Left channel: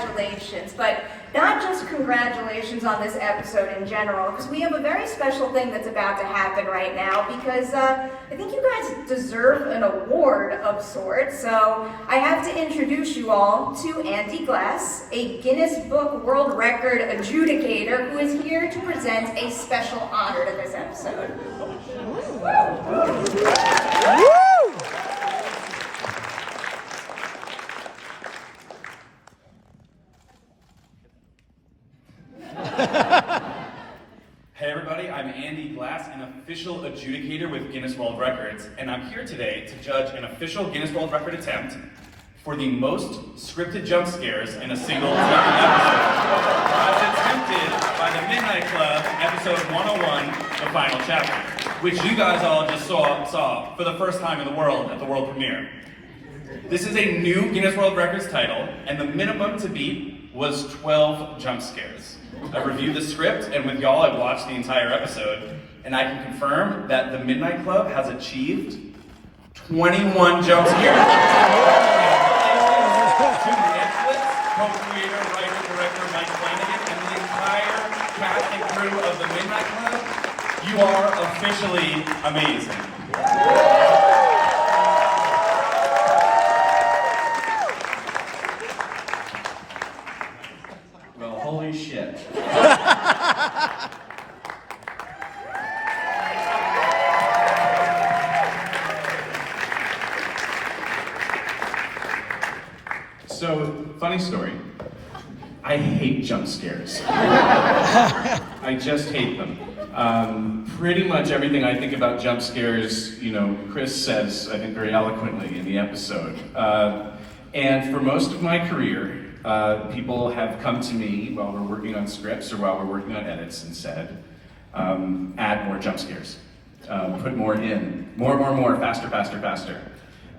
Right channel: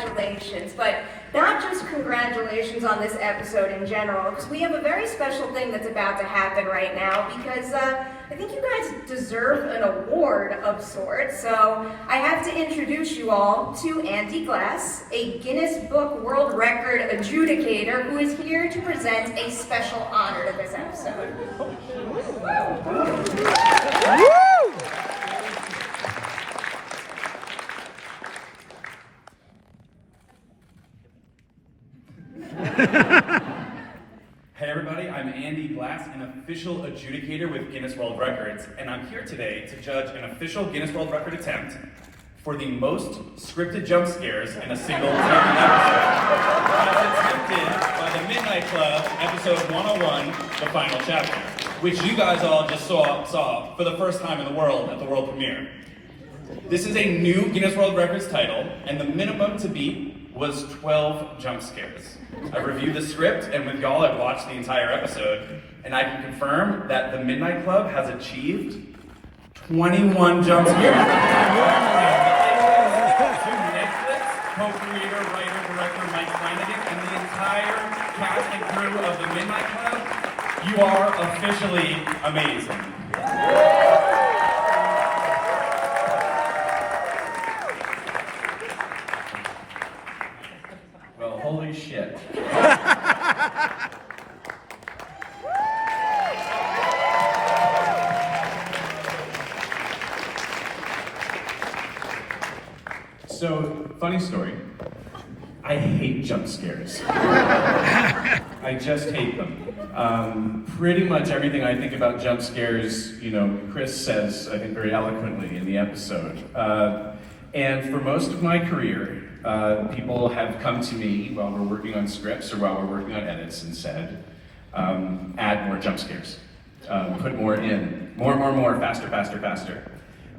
congratulations, but not just congratulations on this episode in general, because we have a very special thing that's about to happen right now, because I think you guys deserve an award of sorts. So I have to introduce you all to Andy Glass, a Guinness Book World Record adjudicator, who is here to present a special honor to this episode. Hey everybody, I'm Andy Glass, an official adjudicator with Guinness World Records, and I'm here today to judge an official Guinness World Record attempt for the most scripted jump scares in a single TV episode, attempted by the Midnight Club, episode 101, the final chapter, which you guys all just saw for the first time in the world at the world premiere. This is a new Guinness World Records title, and the minimum to beat was 12 jump scares. I've reviewed the script, and with y'all, I've watched the entire episode, and I can confirm that the Midnight Club has achieved 21 jump scares. To Netflix, co-creator, writer, director Mike Flanagan, and the entire cast and crew of the Midnight Club, you are officially amazing. Well, holy shit. So, funny story. I hate jump scares. I just hate them. Pretty much everything I think about jump scares, Chris says, I think very eloquently in the episode. And for most of my career, people have come to me while we're working on scripts or while we're working on edits and said, add more jump scares. Put more in. More, faster.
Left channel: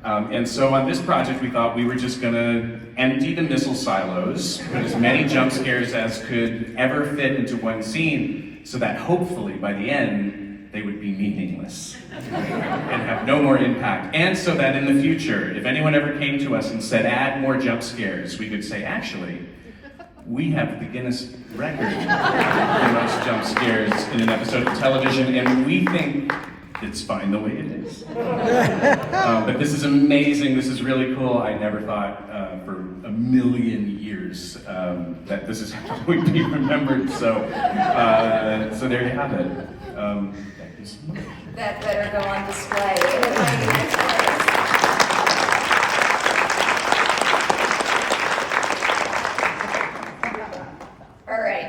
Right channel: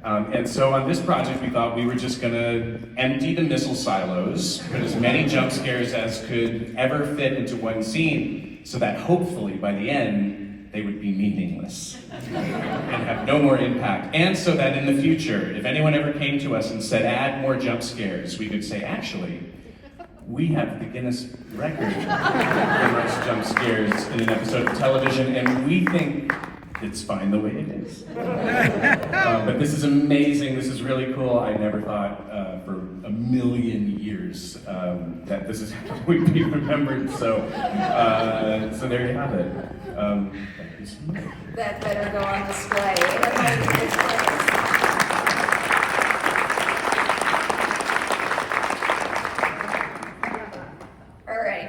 And so on this project, we thought we were just gonna empty the missile silos, put as many jump scares as could ever fit into one scene, so that hopefully by the end, they would be meaningless and have no more impact. And so that in the future, if anyone ever came to us and said, add more jump scares, we could say, actually, we have the Guinness record for most jump scares in an episode of television, and we think it's fine the way it is. But this is amazing, this is really cool. I never thought for a million years that this is how we'd be remembered, so there you have it. Thank you so much. That better go on display.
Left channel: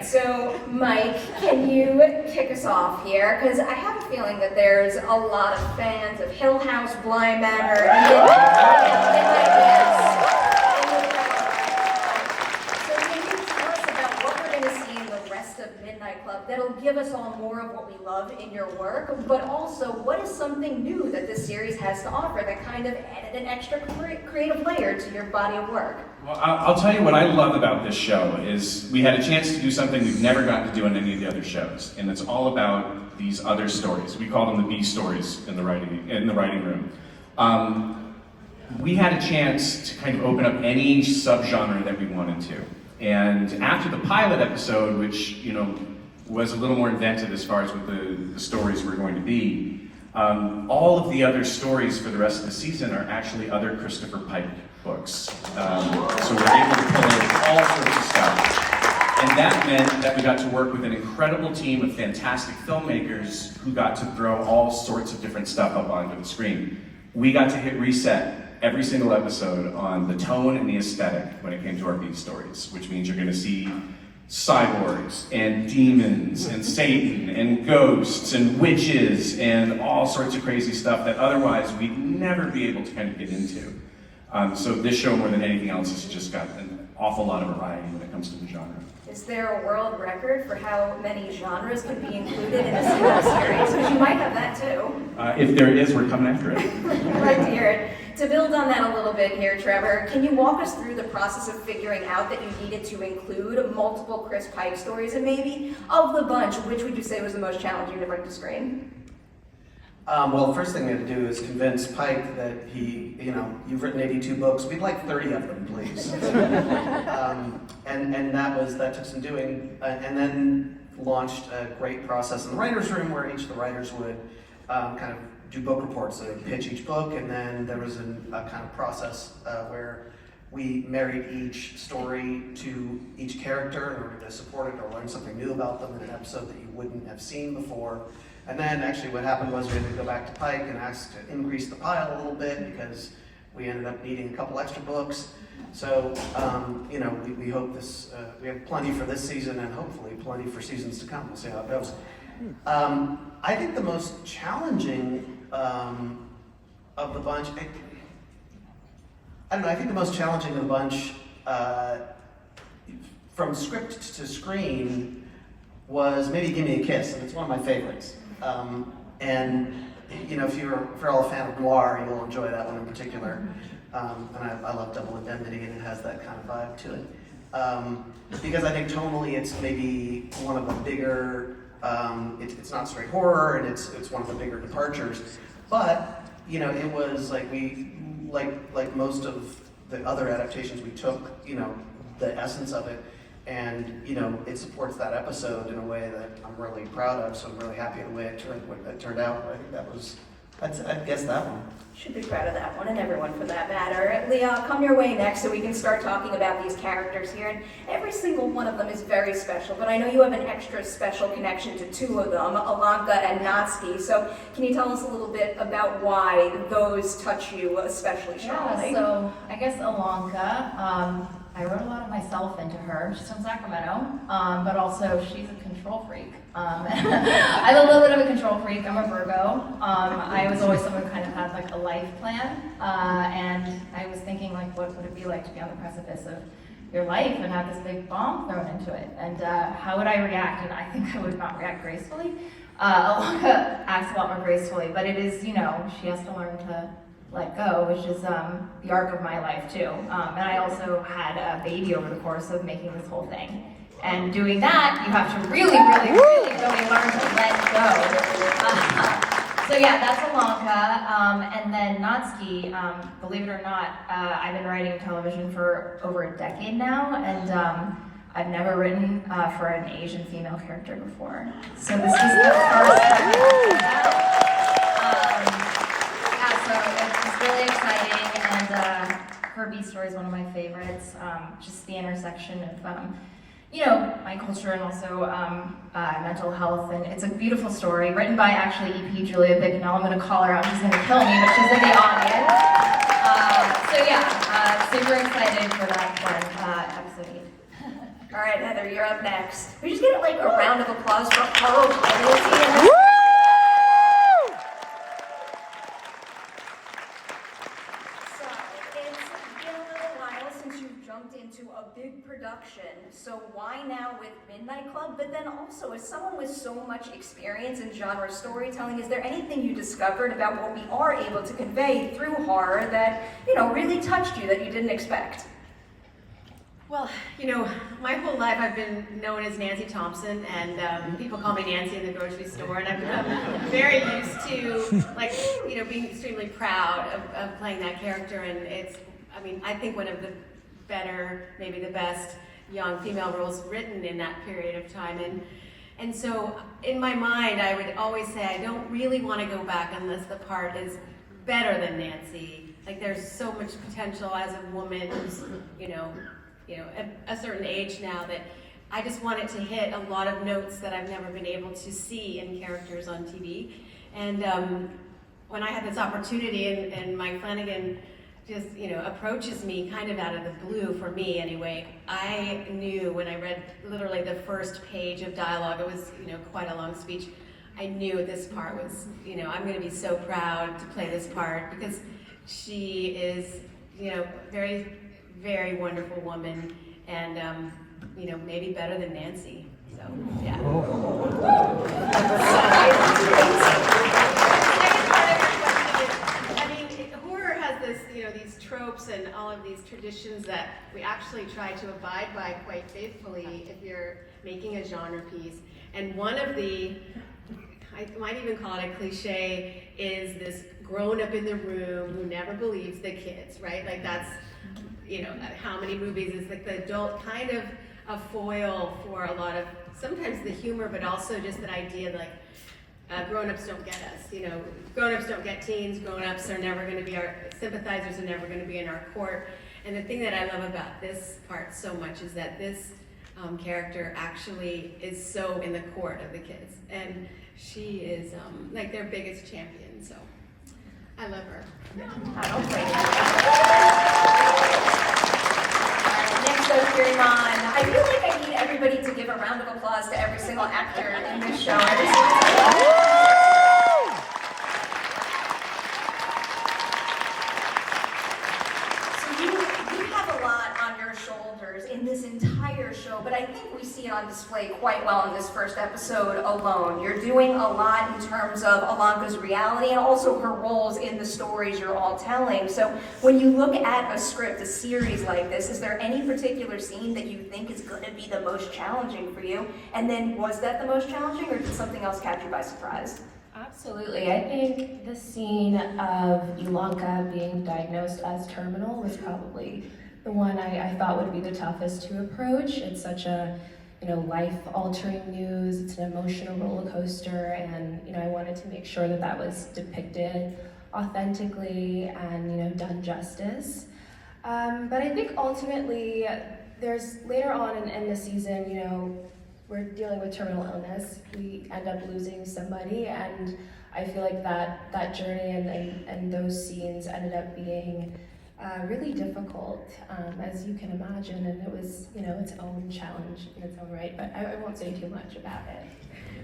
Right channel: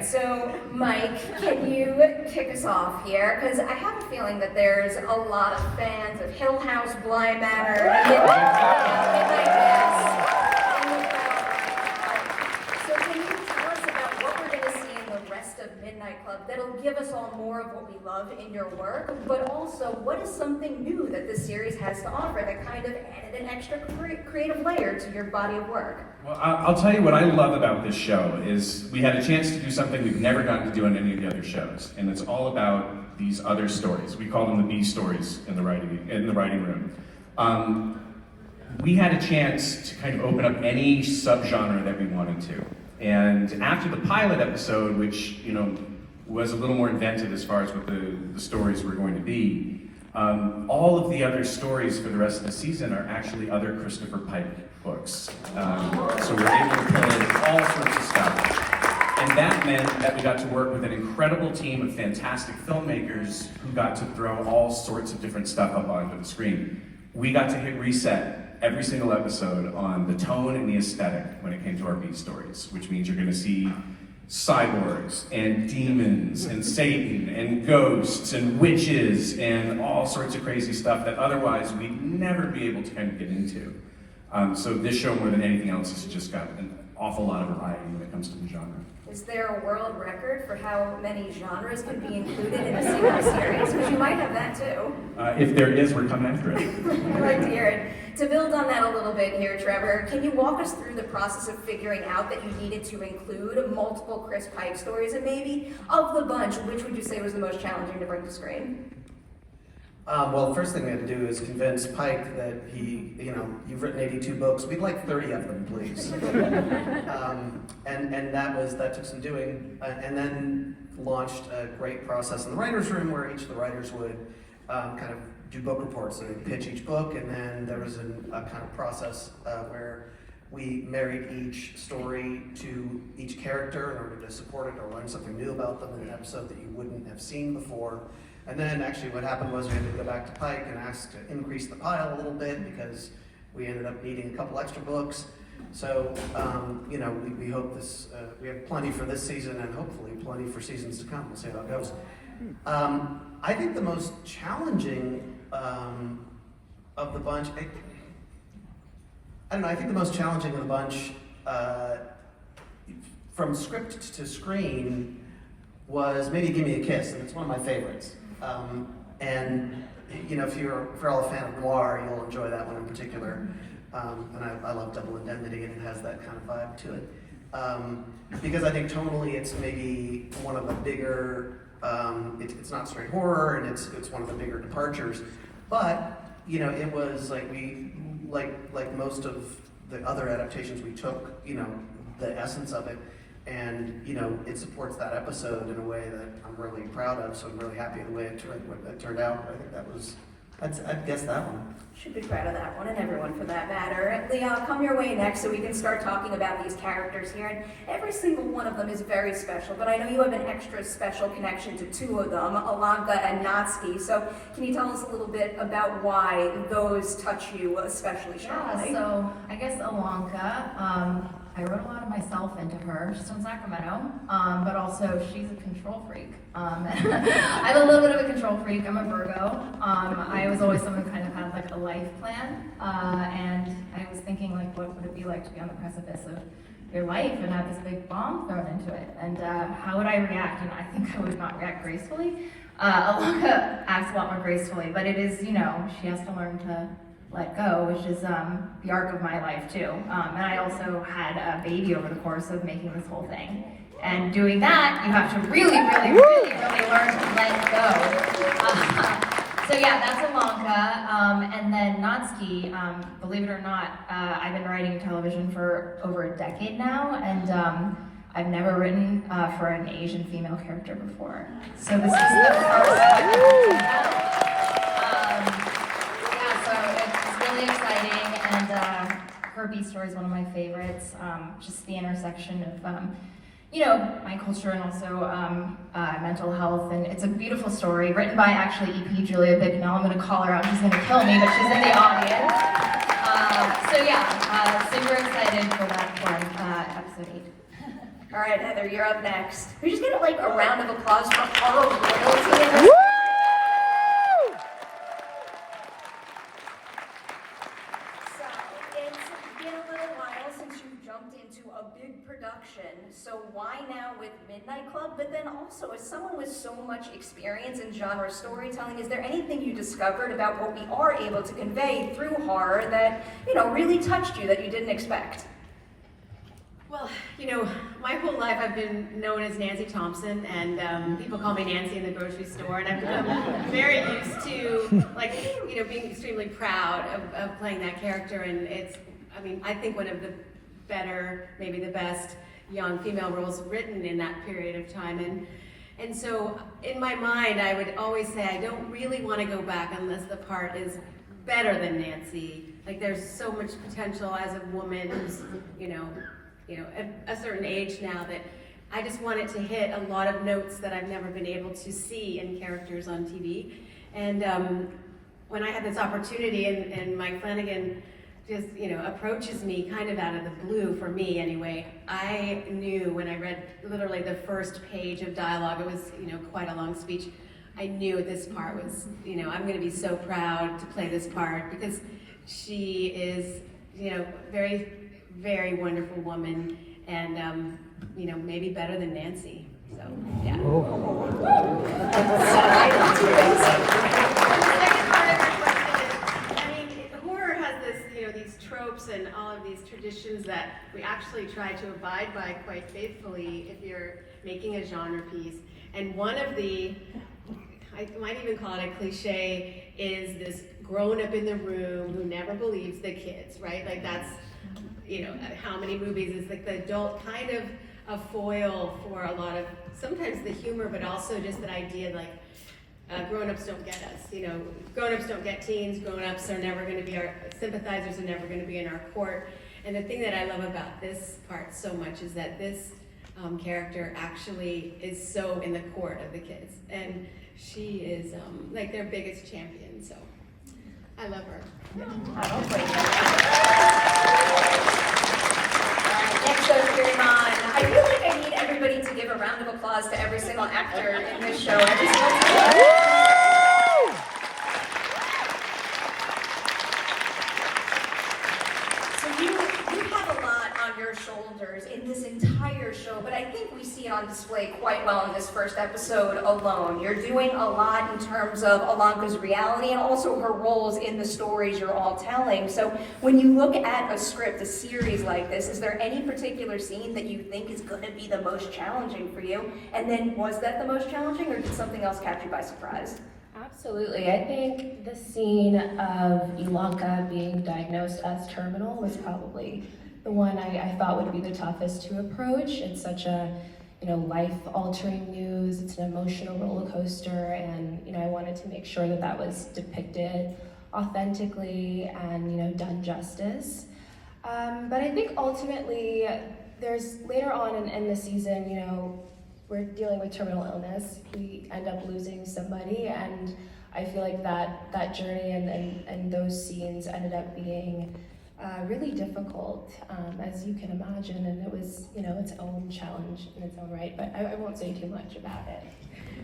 So, Mike, can you kick us off here? Because I have a feeling that there's a lot of fans of Hill House, Bly Manor, So can you tell us about what we're going to see in the rest of Midnight Club that'll give us all more of what we love in your work, but also what is something new that this series has to offer that kind of added an extra creative layer to your body of work? Well, I'll tell you what I love about this show is we had a chance to do something we've never gotten to do in any of the other shows, and it's all about these other stories. We call them the B stories in the writing room. We had a chance to kind of open up any subgenre that we wanted to, and after the pilot episode, which was a little more inventive as far as what the stories were going to be, all of the other stories for the rest of the season are actually other Christopher Pike books. So we're able to pull in all sorts of stuff. And that meant that we got to work with an incredible team of fantastic filmmakers who got to throw all sorts of different stuff up onto the screen. We got to hit reset every single episode on the tone and the aesthetic when it came to our B stories, which means you're gonna see cyborgs and demons and Satan and ghosts and witches and all sorts of crazy stuff that otherwise we'd never be able to kind of get into. So this show, more than anything else, has just got an awful lot of variety when it comes to the genre. Is there a world record for how many genres can be included in a single series? Because you might have that too. If there is, we're coming after it. Right to hear it. To build on that a little bit here, Trevor, can you walk us through the process of figuring out that you needed to include multiple Chris Pike stories, and maybe of the bunch, which would you say was the most challenging to bring to screen? Well, the first thing we had to do is convince Pike that you've written 82 books. We'd like 30 of them, please. and that took some doing, and then launched a great process in the writers' room where each of the writers would kind of do book reports. So they'd pitch each book, and then there was a kind of process where we married each story to each character in order to support it or learn something new about them in an episode that you wouldn't have seen before. And then actually what happened was we had to go back to Pike and ask to increase the pile a little bit because we ended up needing a couple extra books. So, we hope we have plenty for this season and hopefully plenty for seasons to come. We'll see how it goes. I think the most challenging of the bunch, I think the most challenging of the bunch from script to screen was maybe Give Me a Kiss, and it's one of my favorites. If you're all a fan of noir, you'll enjoy that one in particular. And I love Double Indemnity, and it has that kind of vibe to it. Because I think tonally it's maybe one of the bigger, it's not straight horror, and it's one of the bigger departures. But, it was like most of the other adaptations we took, the essence of it, and it supports that episode in a way that I'm really proud of. So I'm really happy the way it turned out. I think I'd guess that one. Should be proud of that one, and everyone for that matter. Leah, I'll come your way next so we can start talking about these characters here. And every single one of them is very special, but I know you have an extra special connection to two of them, Alanka and Nycc. So can you tell us a little bit about why those touch you especially strongly? Yeah, so I guess Alanka, I wrote a lot of myself into her. She's from Sacramento, but also she's a control freak. I'm a little bit of a control freak. I'm a Virgo. I was always someone who kind of had like a life plan, and I was thinking like, what would it be like to be on the precipice of your life and have this big bomb thrown into it? And how would I react? And I think I would not react gracefully. Alanka acts a lot more gracefully, but it is, she has to learn to let go, which is the arc of my life too. And I also had a baby over the course of making this whole thing. And doing that, you have to really learn to let go. So yeah, that's Alanka. And then Nycc, believe it or not, I've been writing television for over a decade now, and I've never written for an Asian female character before. So this is the first. Really exciting, and her B story is one of my favorites. Just the intersection of, my culture and also mental health, and it's a beautiful story written by actually EP Julia Bicknell. I'm going to call her out; she's going to kill me, but she's in the audience. Super excited for that episode 8. All right, Heather, you're up next. We just get a round of applause for Chloe Royalty. So why now with Midnight Club? But then also, as someone with so much experience in genre storytelling, is there anything you discovered about what we are able to convey through horror that, really touched you that you didn't expect? Well, my whole life I've been known as Nancy Thompson, and people call me Nancy in the grocery store, and I've become very used to, being extremely proud of playing that character, and I think one of the better, maybe the best young female roles written in that period of time, and so in my mind I would always say I don't really want to go back unless the part is better than Nancy. Like there's so much potential as a woman who's at a certain age now that I just want it to hit a lot of notes that I've never been able to see in characters on TV. And when I had this opportunity and Mike Flanagan just, approaches me kind of out of the blue, for me anyway, I knew when I read literally the first page of dialogue, it was, quite a long speech, I knew this part was, I'm going to be so proud to play this part because she is, very, very wonderful woman and, maybe better than Nancy. So, yeah. Horror has this, these tropes and all of these traditions that we actually try to abide by quite faithfully if you're making a genre piece. And one of the, I might even call it a cliche, is this grown up in the room who never believes the kids, right? Like that's how many movies. It's like the adult kind of a foil for a lot of, sometimes the humor, but also just that idea grown-ups don't get us. Grown-ups don't get teens. Grown-ups are never going to be our sympathizers, are never going to be in our court. And the thing that I love about this part so much is that this character actually is so in the court of the kids, and she is like their biggest champion. So I love her. I don't blame you. Next up, Peri Nemiroff. I feel like I need everybody to give a round of applause to every single actor in this show. So you have a lot on your shoulders in this entire show, but I think we see it on display quite well in this first episode alone. You're doing a lot in terms of Ilonka's reality and also her roles in the stories you're all telling. So when you look at a script, a series like this, is there any particular scene that you think is going to be the most challenging for you? And then was that the most challenging, or did something else catch you by surprise? Absolutely. I think the scene of Ilonka being diagnosed as terminal was probably the one I thought would be the toughest to approach. It's such a life-altering news. It's an emotional roller coaster, and I wanted to make sure that that was depicted authentically and done justice. But I think ultimately, there's later on in the season, we're dealing with terminal illness. We end up losing somebody, and I feel like that journey and those scenes ended up being really difficult, as you can imagine, and it was, its own challenge in its own right, but I won't say too much about it.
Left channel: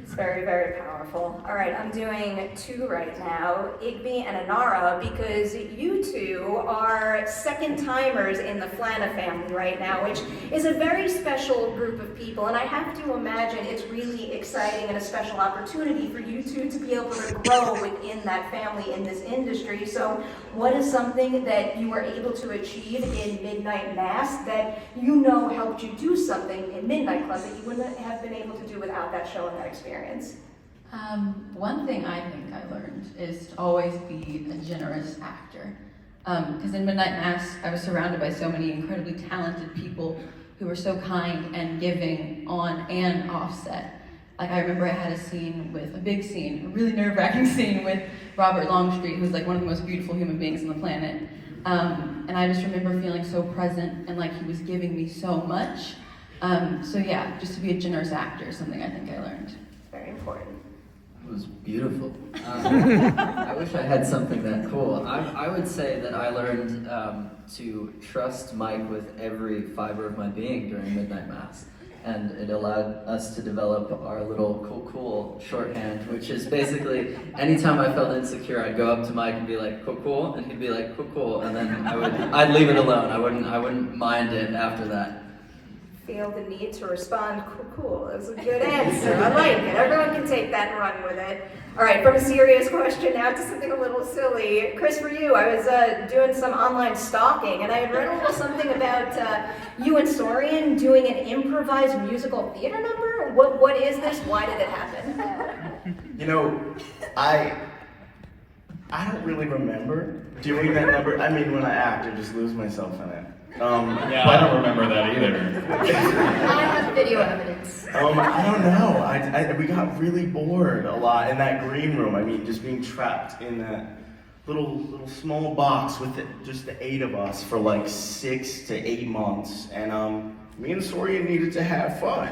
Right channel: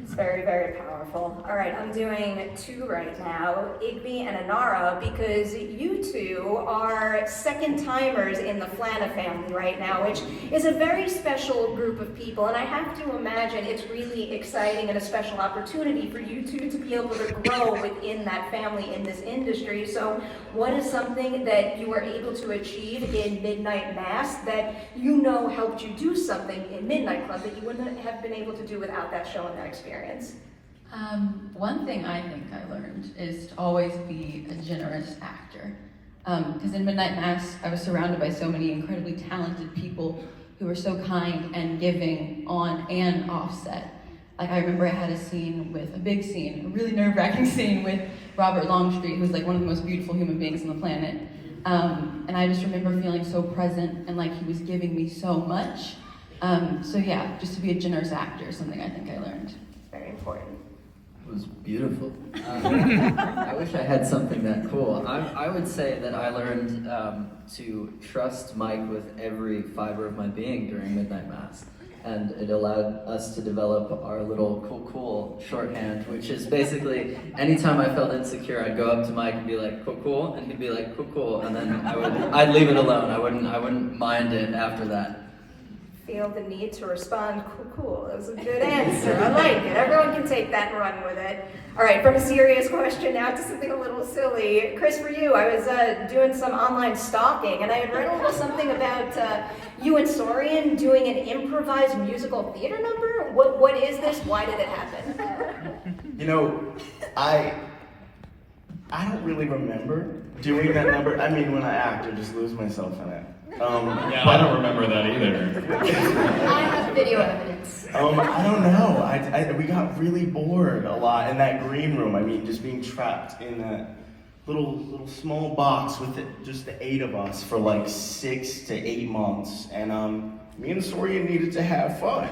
It's very, very powerful. All right, I'm doing two right now, Igby and Inara, because you two are second-timers in the Flanagan family right now, which is a very special group of people, and I have to imagine it's really exciting and a special opportunity for you two to be able to grow within that family in this industry. So what is something that you were able to achieve in Midnight Mass that helped you do something in Midnight Club that you wouldn't have been able to do without that show and that experience? One thing I think I learned is to always be a generous actor. Because in Midnight Mass, I was surrounded by so many incredibly talented people who were so kind and giving on and off set. Like, I remember I had a big scene, a really nerve-wracking scene with Robert Longstreet, who's like one of the most beautiful human beings on the planet. And I just remember feeling so present and like he was giving me so much. So yeah, just to be a generous actor is something I think I learned. Very important. It was beautiful. I wish I had something that cool. I would say that I learned to trust Mike with every fiber of my being during Midnight Mass. And it allowed us to develop our little cool shorthand, which is basically anytime I felt insecure, I'd go up to Mike and be like, cool, and he'd be like, cool, and then I'd leave it alone. I wouldn't mind it after that. Feel the need to respond, cool. That was a good answer. I like it. Everyone can take that and run with it. All right, from a serious question now to something a little silly. Chris, for you, I was doing some online stalking, and I had read a little something about you and Sorian doing an improvised musical theater number. What is this? Why did it happen? I don't really remember doing that number. I mean, when I act, I just lose myself in it. I don't remember that either. I have video evidence. I don't know. We got really bored a lot in that green room. I mean, just being trapped in that little small box with just the 8 of us for like 6 to 8 months. And me and Sorian needed to have fun.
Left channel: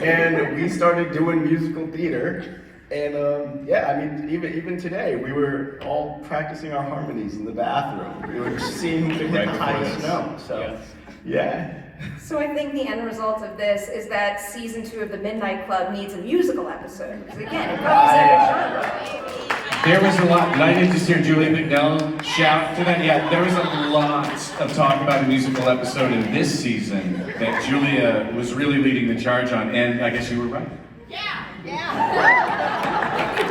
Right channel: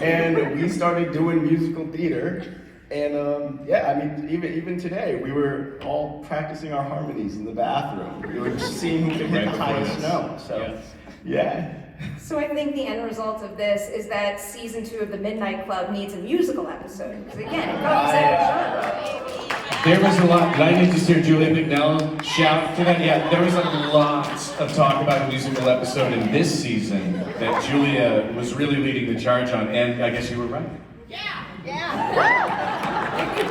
And we started doing musical theater. And even today, we were all practicing our harmonies in the bathroom. We were seeing who could hit the highest note. So, yeah. So I think the end result of this is that season 2 of the Midnight Club needs a musical episode. Because again, it covers every genre. There was a lot. Did I need to hear Julia McNell shout for that? Yeah, there was a lot of talk about a musical episode in this season that Julia was really leading the charge on, and I guess you were right. Yeah.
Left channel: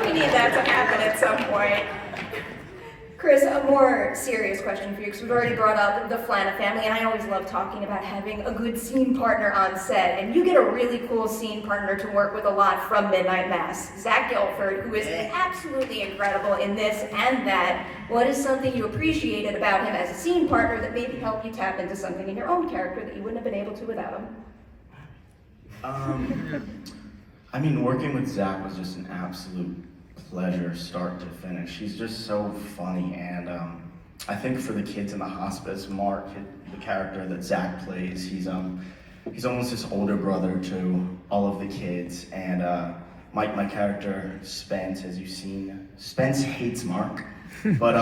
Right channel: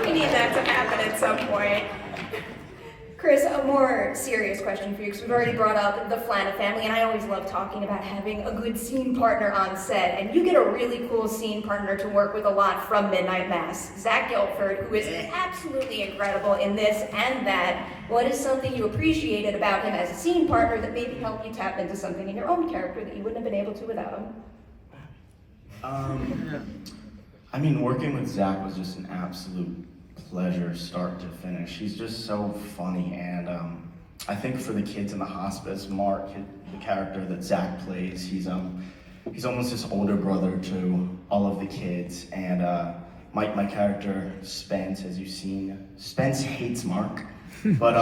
We need that to happen at some point. Chris, a more serious question for you, because we've already brought up the Flanagan family, and I always love talking about having a good scene partner on set, and you get a really cool scene partner to work with a lot from Midnight Mass, Zach Gilford, who is absolutely incredible in this and that. What is something you appreciated about him as a scene partner that maybe helped you tap into something in your own character that you wouldn't have been able to without him? I mean, working with Zach was just an absolute pleasure, start to finish. He's just so funny, and I think for the kids in the hospice, Mark, the character that Zach plays, he's almost this older brother to all of the kids, and my character, Spence, as you've seen, Spence hates Mark, but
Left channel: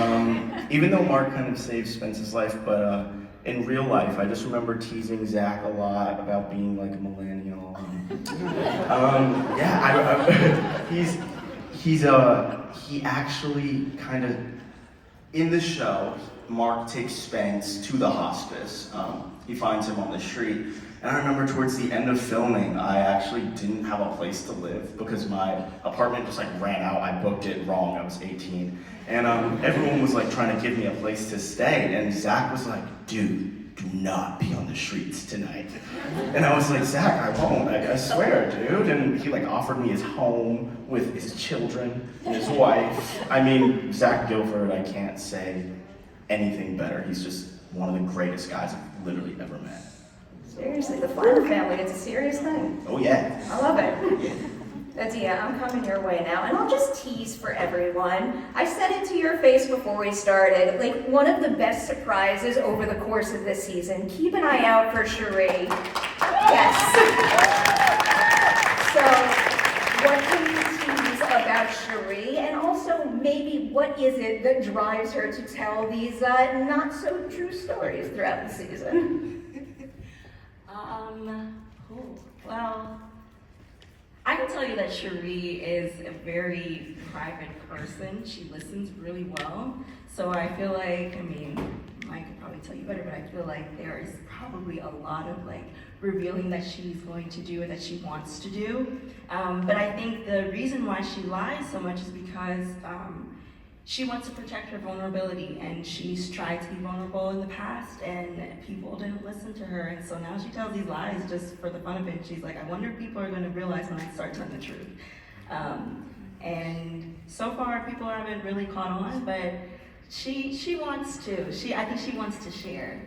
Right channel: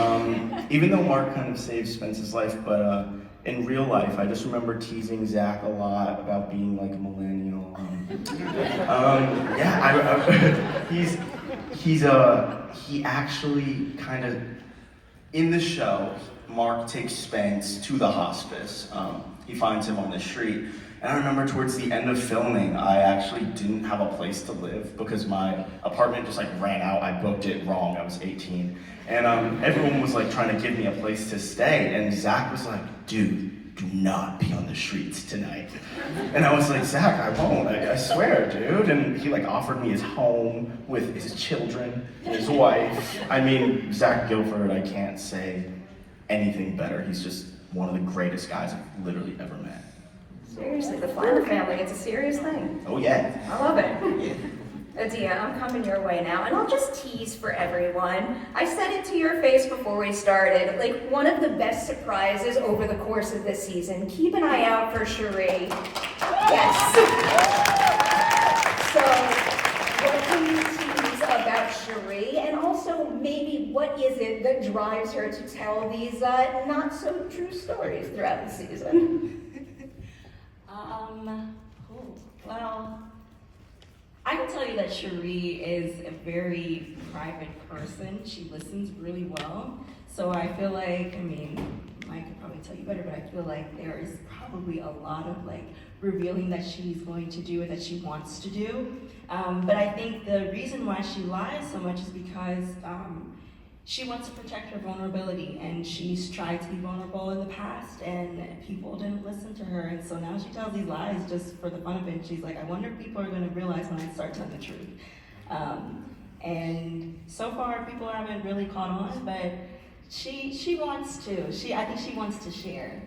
even though Mark kind of saves Spence's life, but in real life, I just remember teasing Zach a lot about being like a millennial. He actually kind of, in the show, Mark takes Spence to the hospice. He finds him on the street. And I remember towards the end of filming, I actually didn't have a place to live because my apartment just like ran out. I booked it wrong, I was 18. And everyone was like trying to give me a place to stay. And Zach was like, dude, do not be on the streets tonight. And I was like, Zach, I won't, I swear, dude. And he like offered me his home with his children, his wife. I mean, Zach Gilford, I can't say anything better. He's just one of the greatest guys I've literally ever met. Seriously, the Flanagan family, it's a serious thing. Oh yeah. I love it. Adia, I'm coming your way now, and I'll just tease for everyone. I said it to your face before we started, like one of the best surprises over the course of this season. Keep an eye out for Cherie. Yes. So, what can you tease about Cherie, and also maybe what is it that drives her to tell these not so true stories throughout the season? Well, I can tell you that Cherie is a very private person. She listens really well. So I feel like, I mean, Mike could probably tell you better, but I feel like there is probably a lot of like revealing that she's going to do and that she wants to do. But I think the reason why she lies so much is because she wants to protect her vulnerability, and she's tried to be vulnerable in the past and people didn't listen to her, and so now she tells these lies just for the fun of it. She's like, I wonder if people are going to realize when I start telling the truth. And so far people haven't really caught on, but she wants to. I think she wants to share,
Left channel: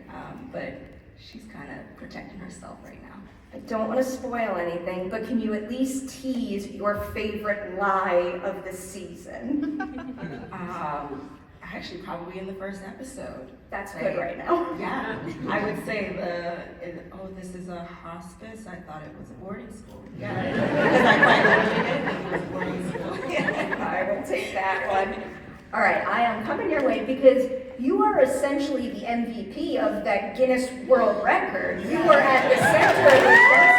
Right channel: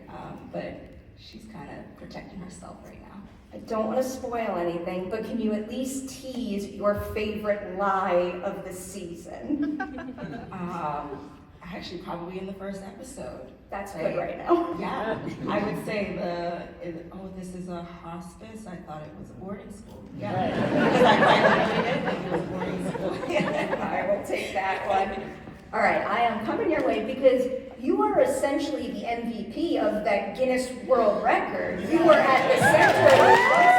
but she's kind of protecting herself right now. I don't want to spoil anything, but can you at least tease your favorite lie of the season? Actually, probably in the first episode. That's good right now. Yeah, I would say this is a hospice. I thought it was a boarding school. Yeah, because I think it was boarding school. I will take that one. All right, I am coming your way because you are essentially the MVP of that Guinness World Record. You were at the center of the jump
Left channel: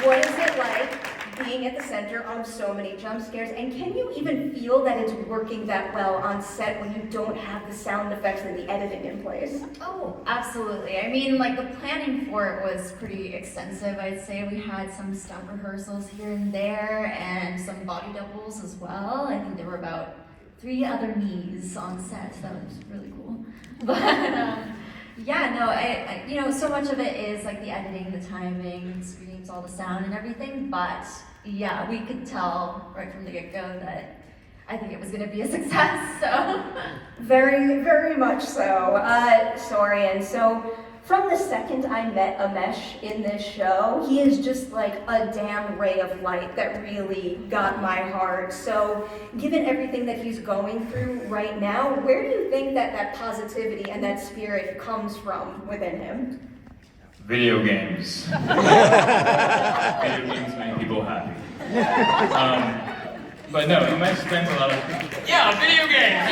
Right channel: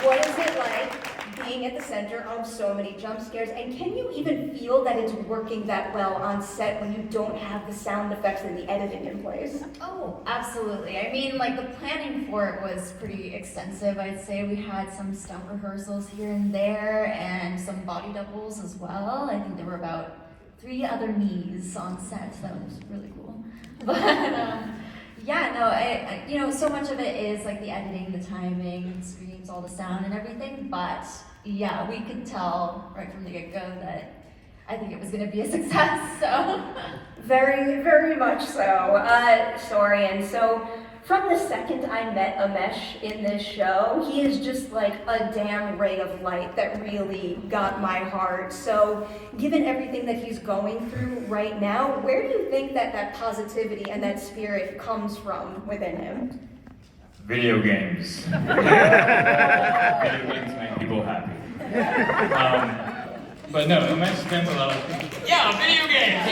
scare. What is it like being at the center of so many jump scares? And can you even feel that it's working that well on set when you don't have the sound effects and the editing in place? Oh, absolutely. I mean, like the planning for it was pretty extensive. I'd say we had some stunt rehearsals here and there and some body doubles as well. I think there were about 3 other knees on set. That was really cool. But yeah, no, I so much of it is like the editing, the timing, the screams, all the sound and everything. But yeah, we could tell right from the get-go that I think it was going to be a success. So very, very much so. Sorry, and so from the second I met Amesh in this show, he is just like a damn ray of light that really got my heart. So given everything that he's going through right now, where do you think that positivity and that spirit comes from within him? Video games. Video games make people happy. But no, Amesh spends a lot of video games.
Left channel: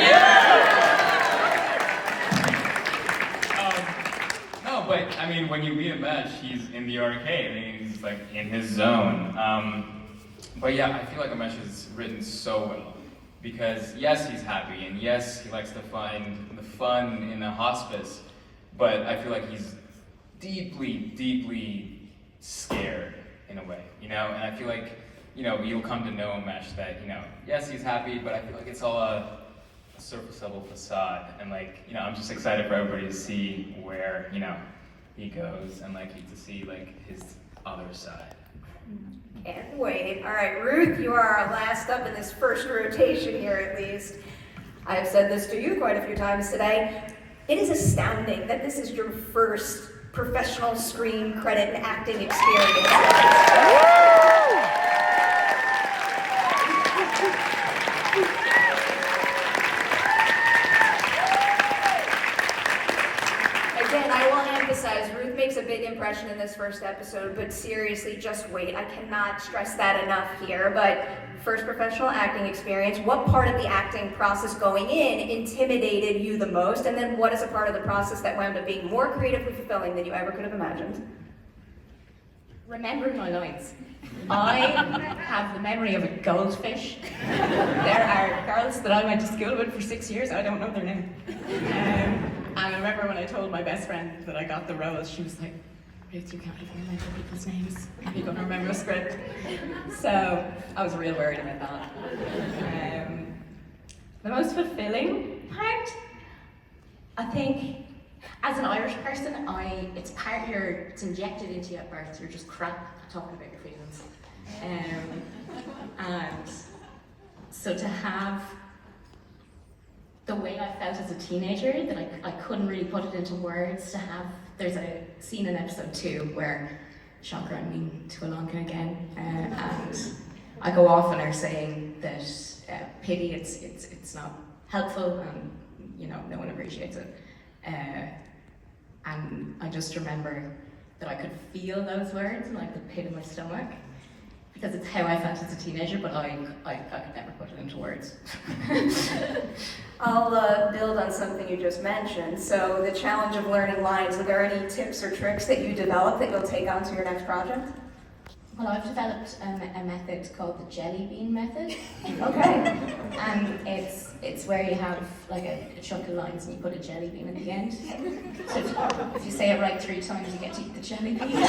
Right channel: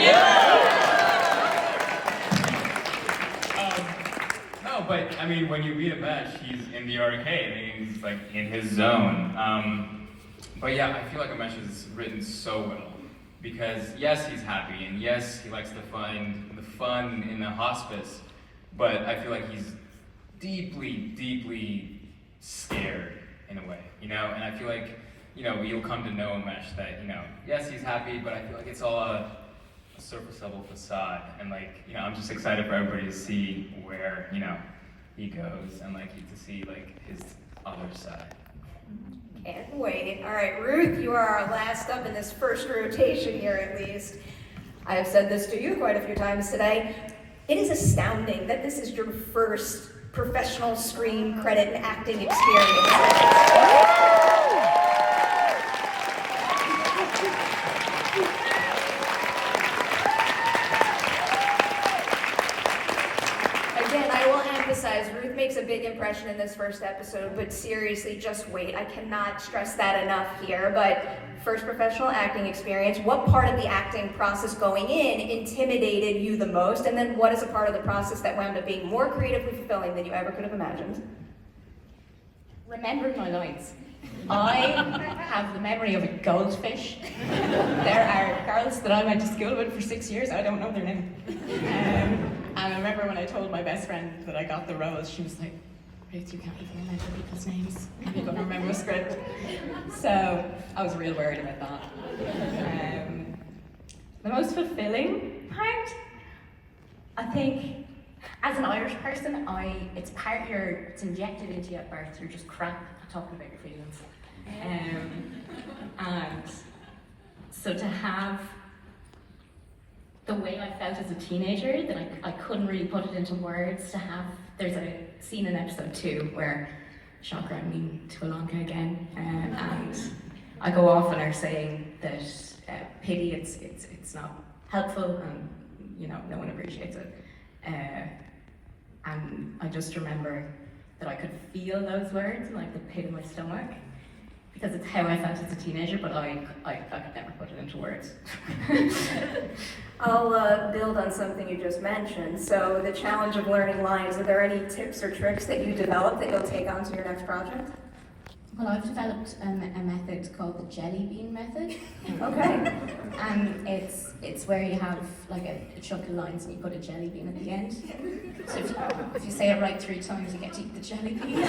No, but I mean, when you meet Amesh, he's in the arcade. I mean, he's like in his zone. But yeah, I feel like Amesh is written so well because yes, he's happy, and yes, he likes to find the fun in a hospice. But I feel like he's deeply, deeply scared in a way, And I feel like you know, you'll come to know Mesh that, you know, yes, he's happy, but I feel like it's all a surface level facade. And like, you know, I'm just excited for everybody to see where, you know, he goes and like to see like his other side. Can't wait. All right, Ruth, you are our last up in this first rotation here at least. I have said this to you quite a few times today. It is astounding that this is your first professional screen credit and acting experience. Again, I will emphasize, Ruth makes a big impression in this first episode, but seriously, just wait. I cannot stress that enough here, but first professional acting experience, what part of the acting process going in intimidated you the most, and then what is a part of the process that wound up being more creatively fulfilling than you ever could have imagined? Remembering my lines. I have the memory of a goldfish. There are girls that I went to school with for 6 years, I don't know their name. And I remember when I told my best friend that I got the roles, she was like, Ruth, you can't even remember people's names. How are you going to remember a script? So I was real worried about that. The most fulfilling part, I think, as an Irish person, it's part it's injected into you at birth. You're just crap at talking about your feelings. And so to have the way I felt as a teenager, that I couldn't really put it into words, to have, there's a scene in episode 2 where, shocker, I'm mean to Ilonka again, and I go off and are saying that pity, it's not helpful, and you know, no one appreciates it. And I just remember that I could feel those words in like the pit of my stomach, because it's how I felt as a teenager, but I could never put it into words. I'll build on something you just mentioned. So the challenge of learning lines, are there any tips or tricks that you developed that you'll take on to your next project? Well, I've developed a method called the jelly bean method. Okay. And it's where you have like a chunk of lines and you put a jelly bean at the end. So if you say it right 3 times, you get to eat the jelly bean.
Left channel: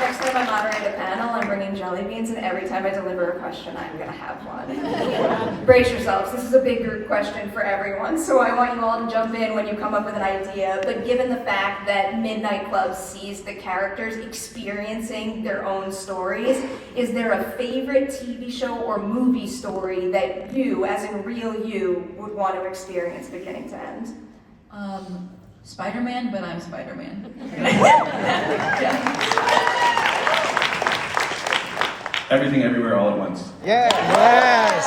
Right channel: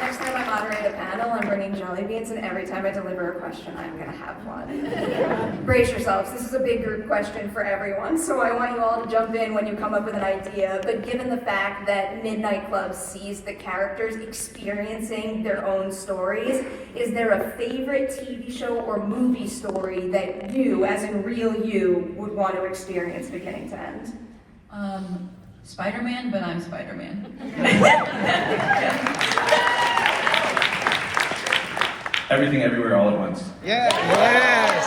Next time I moderate a panel, I'm bringing jelly beans, and every time I deliver a question, I'm going to have one. Brace yourselves, this is a big group question for everyone, so I want you all to jump in when you come up with an idea, but given the fact that Midnight Club sees the characters experiencing their own stories, is there a favorite TV show or movie story that you, as in real you, would want to experience beginning to end? Spider-Man, but I'm Spider-Man. Everything, everywhere, all at once. Yeah. Yes.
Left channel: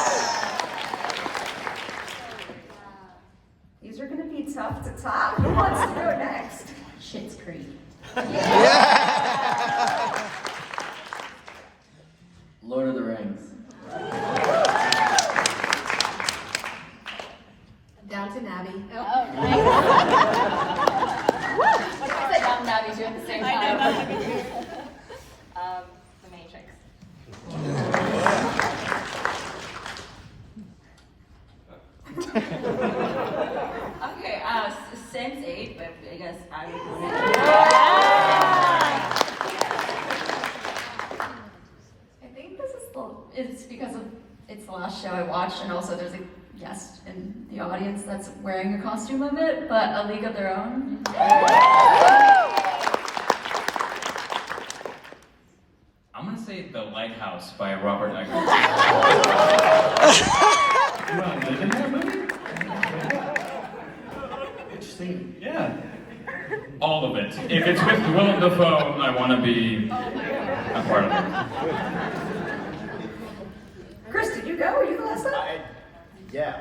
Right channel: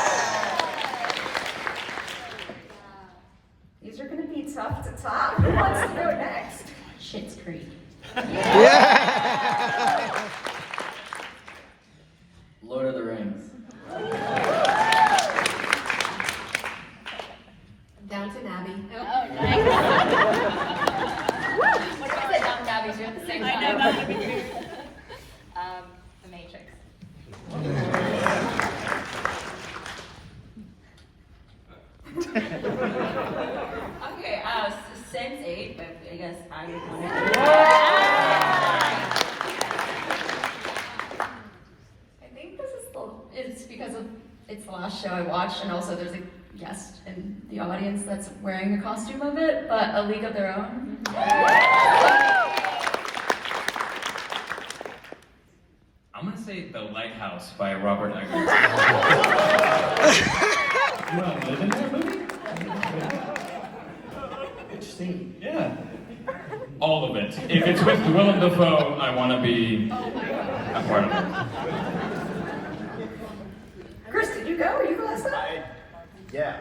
These are going to be tough to top. Who wants to go next? Schitt's Creek. Yeah. Lord of the Rings. Downton Abbey. Oh, nice. What did I say? Downton Abbey too at the same time. I know, that would be weird. The Matrix. Okay, Sense8, but I guess I would go I think this is it's because it's the last show I watched, and also there's a guest in the audience that's wearing a costume of it, but A League of Their Own. I'm gonna say The Lighthouse by Robert Eggers. You want to live in that movie? Which scene? Yeah. All of it. If it's with Willem Dafoe, I want to be a part of it. Chris, did you go? Were you the last time? Yeah.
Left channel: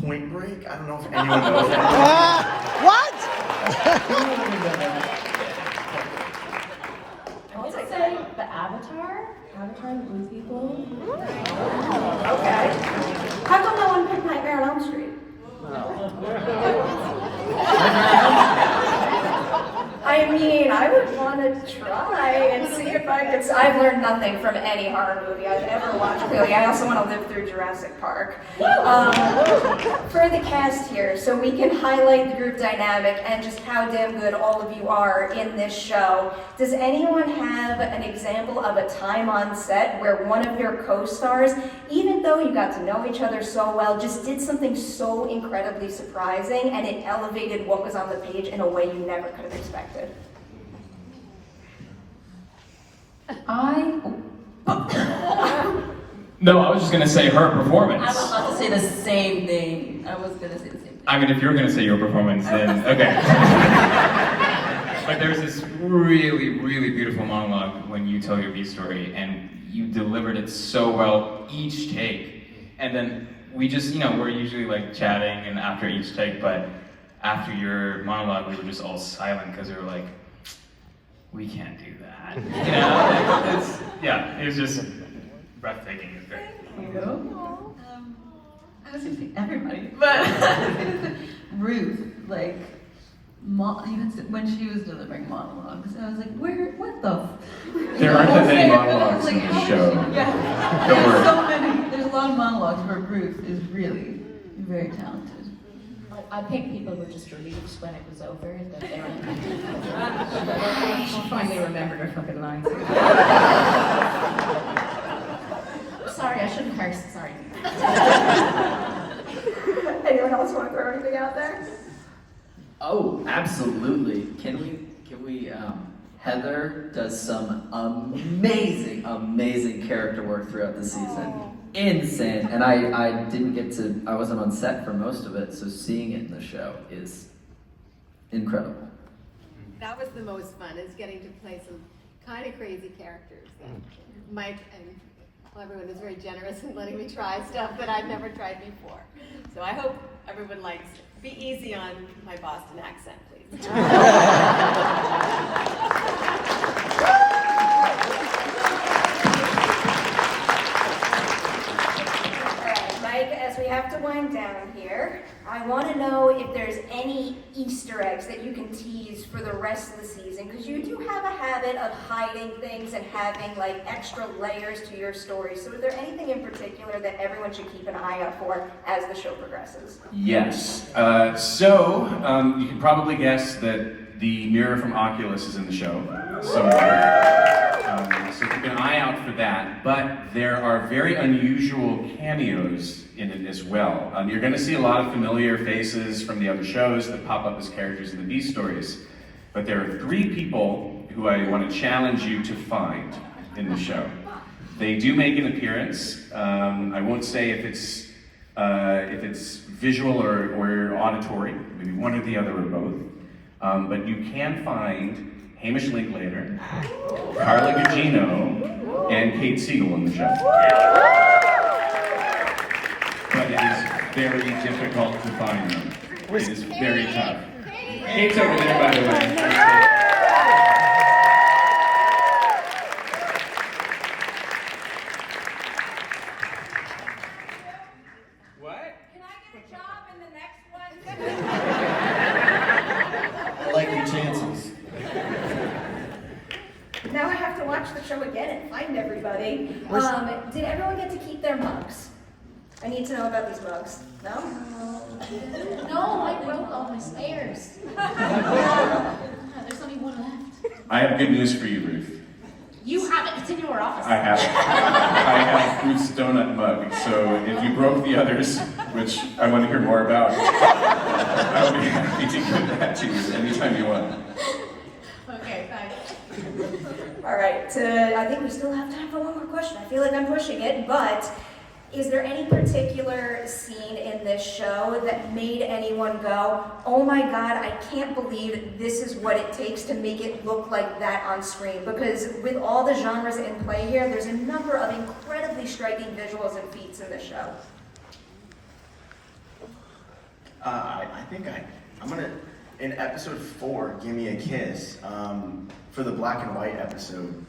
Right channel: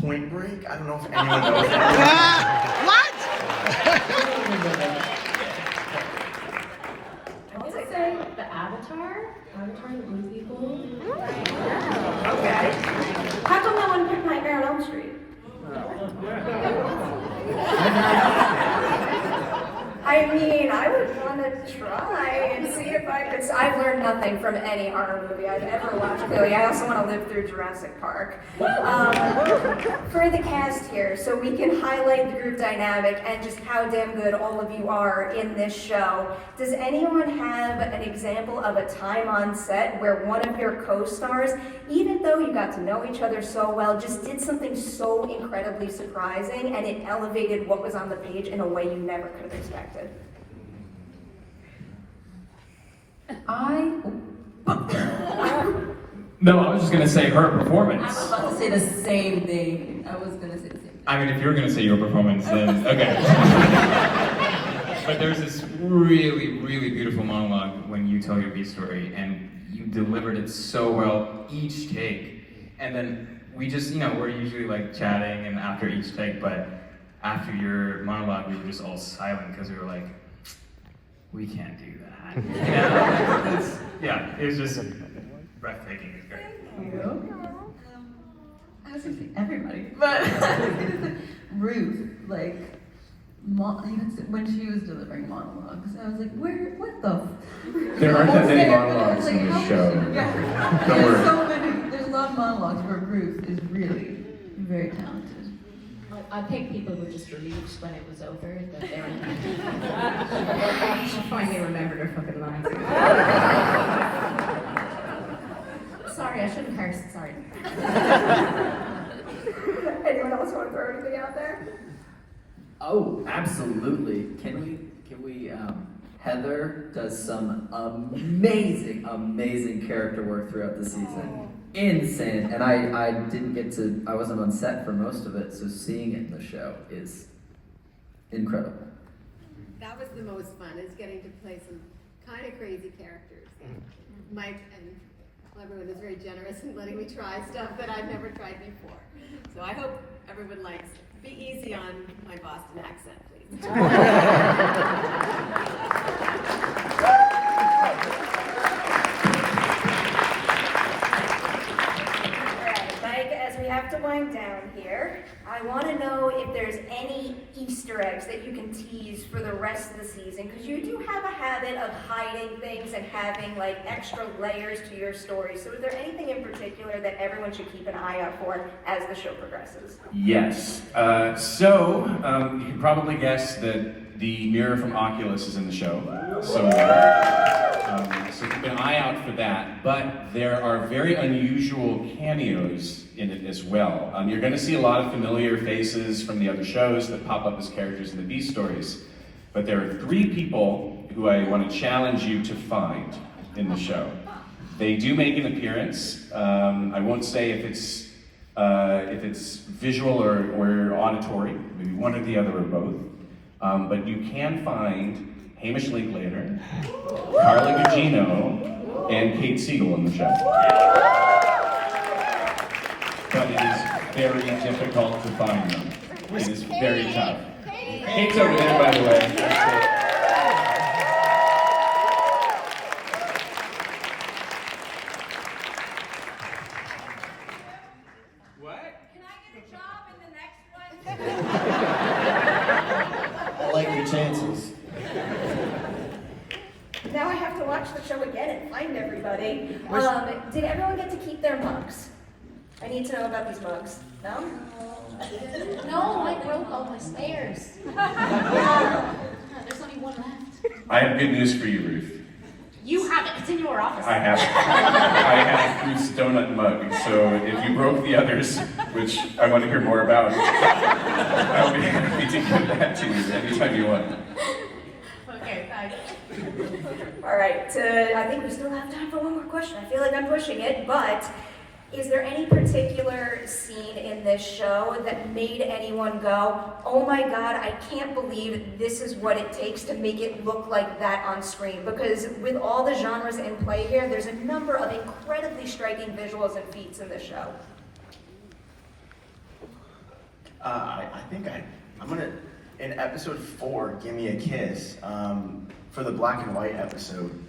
Point Break? I don't know if anyone knows that. What? I would say the Avatar and the Blue People. Okay. How come no one picked Nightmare on Elm Street? I mean, I would want to try and see if I could. I've learned nothing from any horror movie I've ever watched. Clearly, I also want to live through Jurassic Park. For the cast here, so we can highlight the group dynamic and just how damn good all of you are in this show. Does anyone have an example of a time on set where one of your co-stars, even though you got to know each other so well, just did something so incredibly surprising and it elevated what was on the page in a way you never could have expected? No, I was just gonna say her performance. I was about to say the same thing. I mean, if you were gonna say your performance, then okay. But there's this really, really beautiful monologue when you tell your B story, and you delivered it so well each take. And then we just, we're usually like chatting and after each take, but after your monologue, we were just all silent because we were like, we can't do that. It was just breathtaking. It's great. I was gonna say everybody, but Ruth, like, when she was delivering monologues, I was like, what the? There aren't that many monologues in this show. Don't worry. There's a lot of monologues where Ruth is really very talented. I think people were just relieved when it was over that they were. She finally remembered her fucking lines. Sorry, I shouldn't curse, sorry. Anyone else want to throw anything out there? Oh, absolutely. Can we, Heather does some amazing character work throughout the season. Insane. And I wasn't on set for most of it, so seeing it in the show is incredible. That was the most fun, is getting to play some kind of crazy characters. And Mike and everyone is very generous in letting me try stuff that I've never tried before. So I hope everyone likes it. Be easy on my Boston accent, please. Mike, as we have to wind down here, I want to know if there's any Easter eggs that you can tease for the rest of the season, because you do have a habit of hiding things and having like extra layers to your story. So is there anything in particular that everyone should keep an eye out for as the show progresses? Yes. So you can probably guess that the mirror from Oculus is in the show somewhere. So keep an eye out for that. But there are very unusual cameos in it as well. You're going to see a lot of familiar faces from the other shows that pop up as characters in the B stories. But there are 3 people who I want to challenge you to find in the show. They do make an appearance. I won't say if it's visual or auditory, maybe one or the other or both. But you can find Hamish Linklater, Carla Gugino, and Kate Siegel in the show. But it is very difficult to find them. It is very tough. Kate's over there, by the way. What? Can I get a job in the next one? I like your chances. Now I have to watch the show again and find everybody. Did everyone get to keep their mugs? I need to know about these mugs. No? No, I broke all my spares. There's only one left. I have good news for you, Ruth. You have it, it's in your office. I have Ruth's donut mug, so if you broke the others, which I want to hear more about, I would be happy to give that to you anytime you want. Okay, thanks. All right, I think we still have time for one more question. I feel like I'm pushing it, but is there any particular scene in this show that made anyone go, oh my God, I can't believe this is what it takes to make it look like that on screen? Because with all the genres in play here, there's a number of incredibly striking visuals and feats in this show. I think I'm gonna, in episode 4, Gimme a Kiss, for the black and white episode,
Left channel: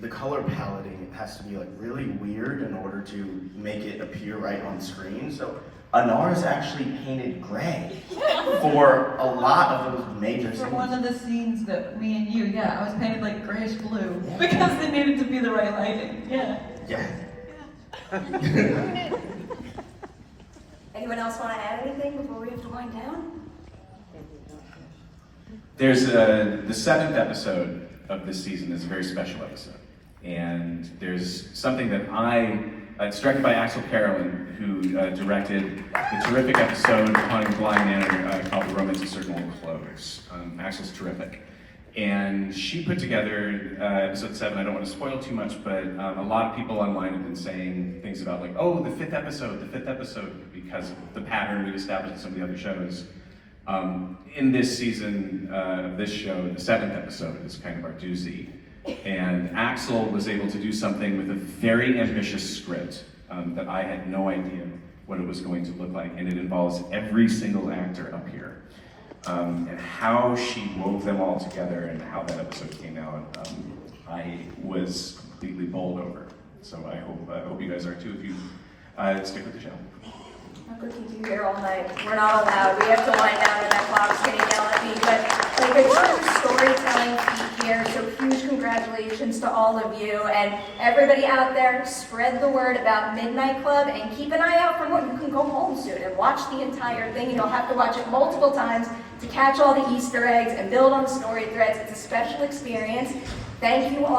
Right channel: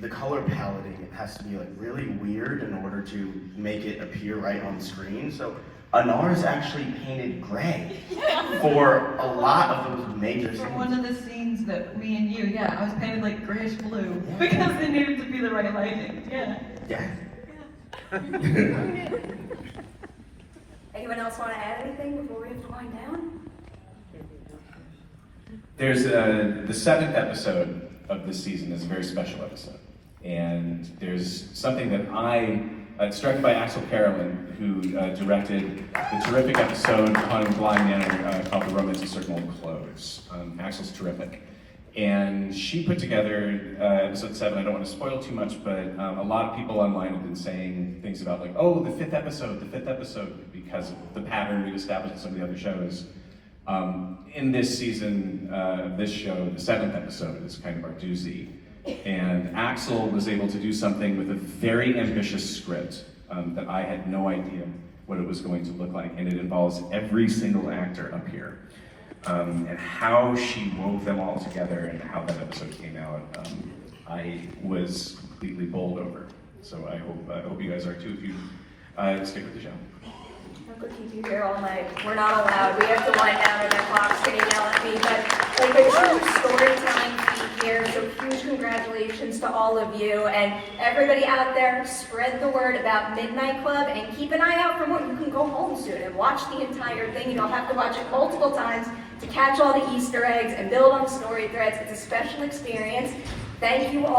the color paletting has to be like really weird in order to make it appear right on the screen. So Anara's actually painted gray for a lot of those major For scenes. one of the scenes that me and you, I was painted like grayish blue because they needed to be the right lighting. Yeah. Anyone else want to add anything before we have to wind down? There's the 7th episode of this season is a very special episode. And there's something that it's directed by Axel Carolyn, who directed the terrific episode on Blind Manor called The Romance of Certain Old Clothes. Axel's terrific. And she put together episode 7. I don't want to spoil too much, but a lot of people online have been saying things about like, oh, the 5th episode, because of the pattern we've established in some of the other shows. In this season of this show, the 7th episode is kind of our doozy. And Axel was able to do something with a very ambitious script that I had no idea what it was going to look like. And it involves every single actor up here. And how she wove them all together and how that episode came out, I was completely bowled over. So I hope you guys are too if you stick with the show. I could keep you here all night. We're not allowed. We have to wind down when that clock's going to yell at me. But like a true storytelling feat here, so huge congratulations to all of you. And everybody out there, spread the word about Midnight Club and keep an eye out for more. You can go home soon and watch the entire thing. You don't have to watch it multiple times to catch all the Easter eggs and build on the story threads. It's a special experience. Thank you all.